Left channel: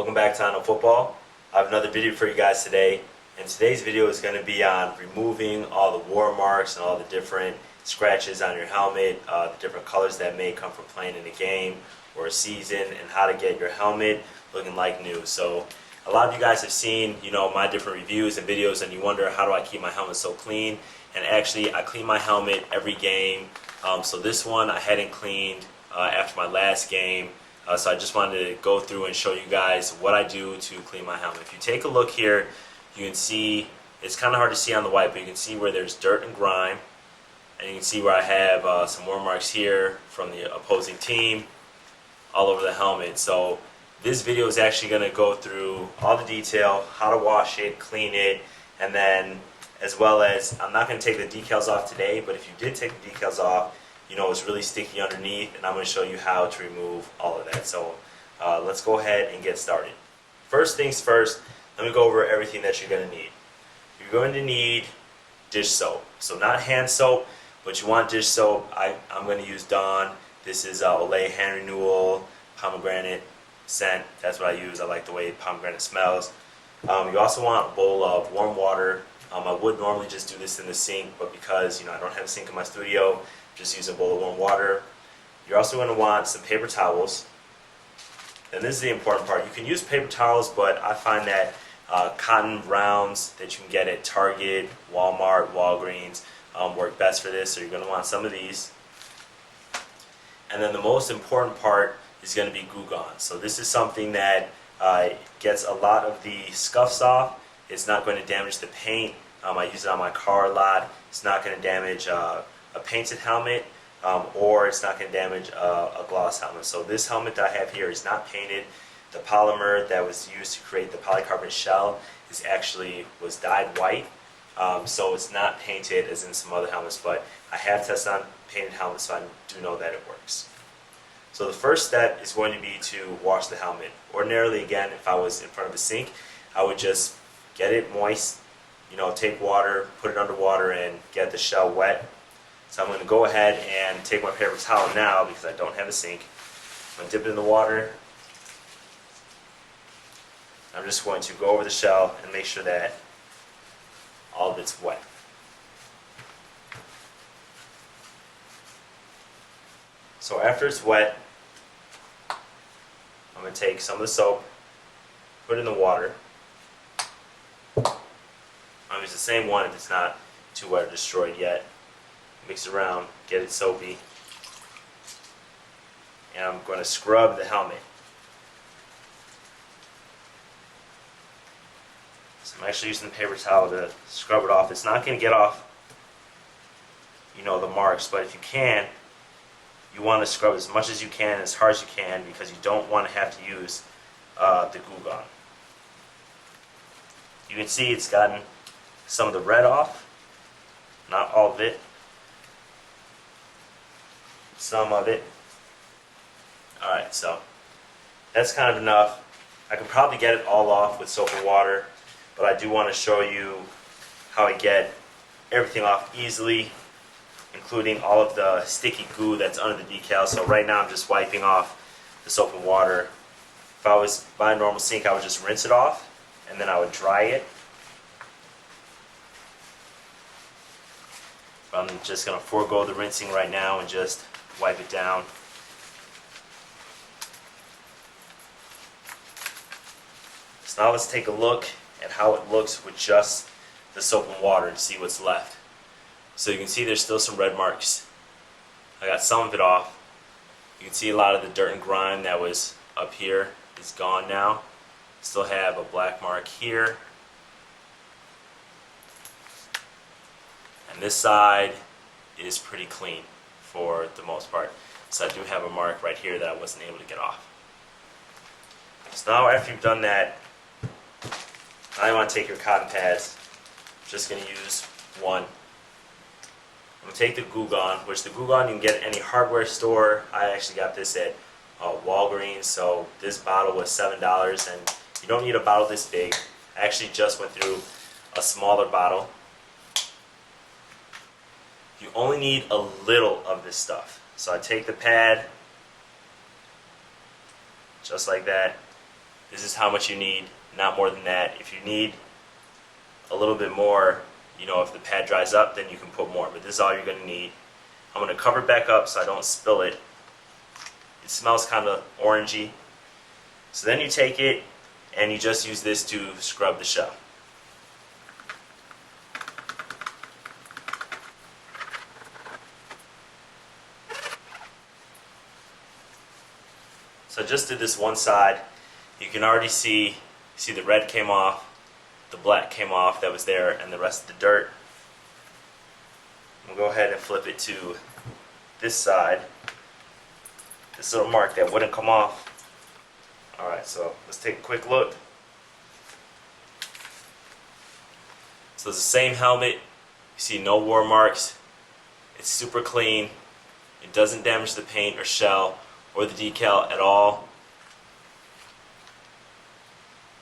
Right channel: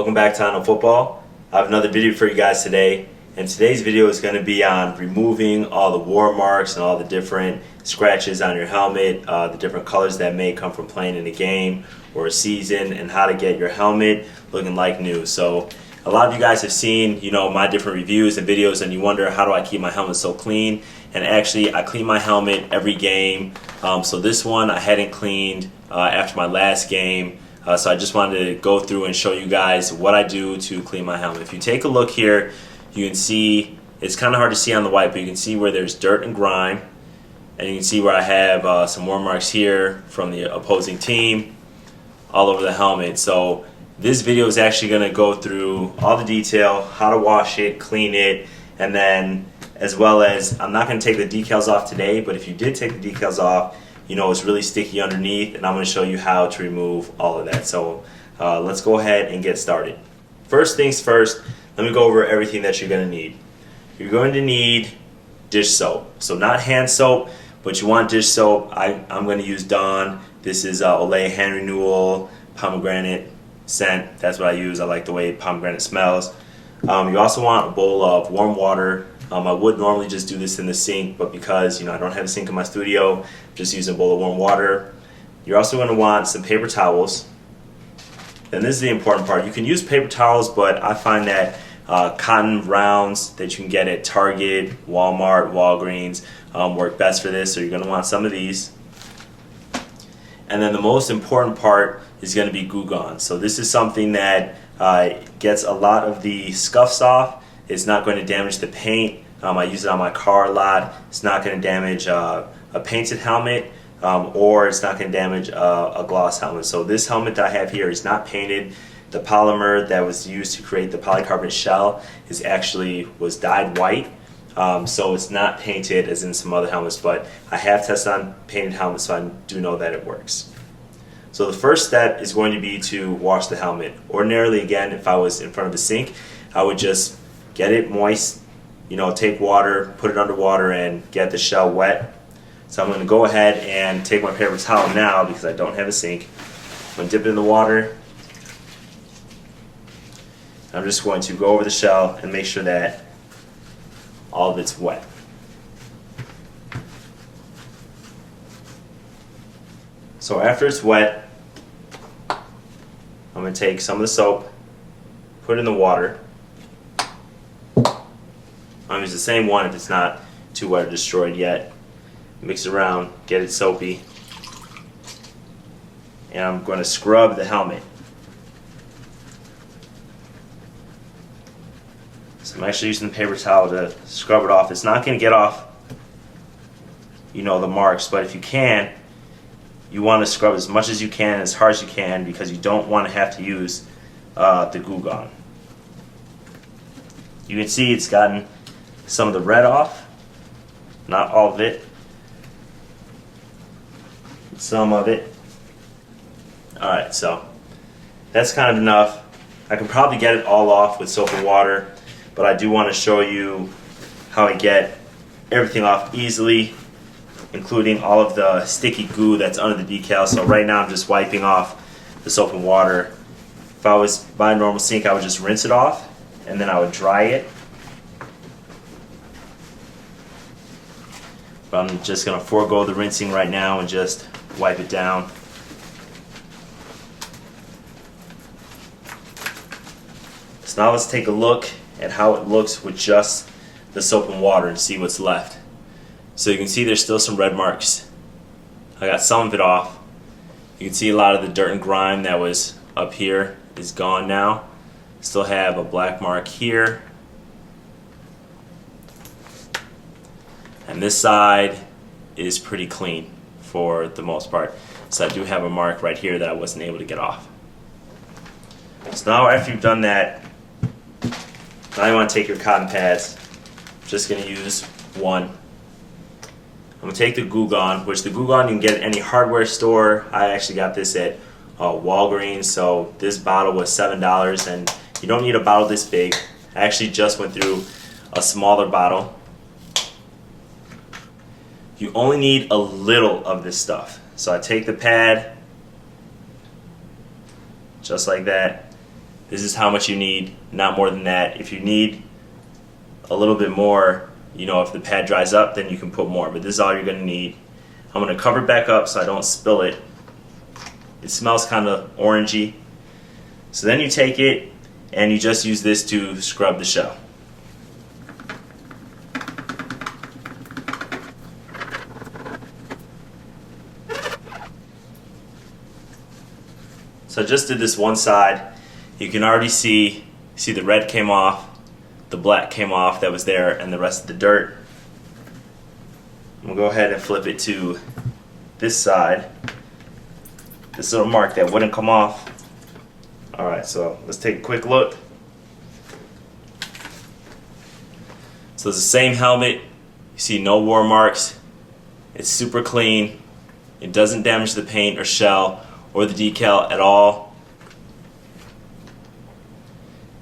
Welcome back to I Know Football. I have another video for you guys today, and today's video is going to be on removing all the war marks and all the different scratches on your helmet, the different colors that may come from playing in a game or a season, and how to get your helmet looking like new. So a lot of you guys have seen, my different reviews and videos, and you wonder, how do I keep my helmet so clean? And actually, I clean my helmet every game. So this one I hadn't cleaned after my last game. So I just wanted to go through and show you guys what I do to clean my helmet. If you take a look here, you can see, it's kind of hard to see on the white, but you can see where there's dirt and grime. And you can see where I have some war marks here from the opposing team all over the helmet. So this video is actually going to go through all the detail, how to wash it, clean it, and then as well as, I'm not going to take the decals off today, but if you did take the decals off, it's really sticky underneath, and I'm going to show you how to remove all of that. So let's go ahead and get started. First things first, let me go over everything that you're going to need. You're going to need dish soap. So not hand soap, but you want dish soap. I'm going to use Dawn. This is Olay Hand Renewal Pomegranate scent. That's what I use. I like the way pomegranate smells. You also want a bowl of warm water. I would normally just do this in the sink, but because I don't have a sink in my studio, I'm just using a bowl of warm water. You're also going to want some paper towels. And this is the important part. You can use paper towels, but I find that cotton rounds that you can get at Target, Walmart, Walgreens work best for this, so you're going to want some of these. And then the most important part is going to be Goo Gone. So this is something that gets a lot of the scuffs off. It's not going to damage the paint. I use it on my car a lot. It's not going to damage a painted helmet, or it's not going to damage a gloss helmet. So this helmet that I have here is not painted. The polymer that was used to create the polycarbonate shell was dyed white. So it's not painted as in some other helmets, but I have tested on painted helmets, so I do know that it works. So the first step is going to be to wash the helmet. Ordinarily, again, if I was in front of a sink, I would just get it moist, take water, put it under water, and get the shell wet. So I'm going to go ahead and take my paper towel now, because I don't have a sink. I'm going to dip it in the water. I'm just going to go over the shell and make sure that all of it's wet. So after it's wet, I'm going to take some of the soap, put it in the water. I'm using the same one if it's not too wet or destroyed yet. Mix it around, get it soapy. And I'm going to scrub the helmet. So I'm actually using the paper towel to scrub it off. It's not going to get off, the marks, but if you can, you want to scrub as much as you can, as hard as you can, because you don't want to have to use the Goo Gone. You can see it's gotten some of the red off, not all of it, some of it. Alright, so that's kind of enough. I can probably get it all off with soap and water, but I do want to show you how I get everything off easily, including all of the sticky goo that's under the decal. So right now I'm just wiping off the soap and water. If I was by a normal sink, I would just rinse it off, and then I would dry it. But I'm just going to forego the rinsing right now and just wipe it down. So now let's take a look at how it looks with just the soap and water and see what's left. So you can see there's still some red marks. I got some of it off. You can see a lot of the dirt and grime that was up here is gone now. Still have a black mark here. And this side is pretty clean for the most part. So I do have a mark right here that I wasn't able to get off. So now after you've done that, now you want to take your cotton pads. I'm just going to use one. I'm going to take the Goo Gone, which the Goo Gone you can get at any hardware store. I actually got this at Walgreens, so this bottle was $7, and you don't need a bottle this big. I actually just went through a smaller bottle. You only need a little of this stuff. So I take the pad, just like that, This is how much you need, not more than that. If you need a little bit more, you know, if the pad dries up, then you can put more, but this is all you're gonna need. I'm gonna cover it back up so I don't spill it. It smells kind of orangey. So then you take it and you just use this to scrub the shell. So I just did this one side. You can already see the red came off, the black came off that was there, and the rest of the dirt. We'll go ahead and flip it to this side. This little mark that wouldn't come off. Alright, so let's take a quick look. So it's the same helmet. You see no war marks. It's super clean. It doesn't damage the paint or shell or the decal at all.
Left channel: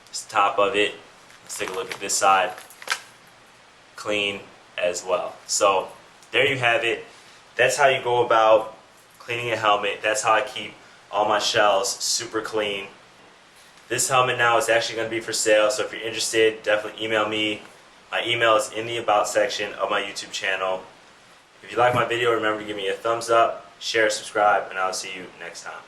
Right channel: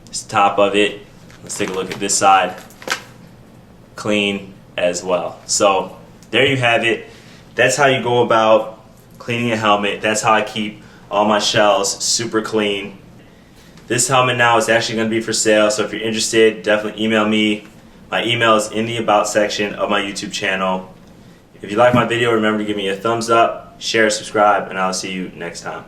It's the top of it. Let's take a look at this side. Clean as well. So there you have it. That's how you go about cleaning a helmet. That's how I keep all my shells super clean. This helmet now is actually going to be for sale, so if you're interested, definitely email me. My email is in the About section of my YouTube channel. If you like my video, remember to give me a thumbs up, share, subscribe, and I'll see you next time.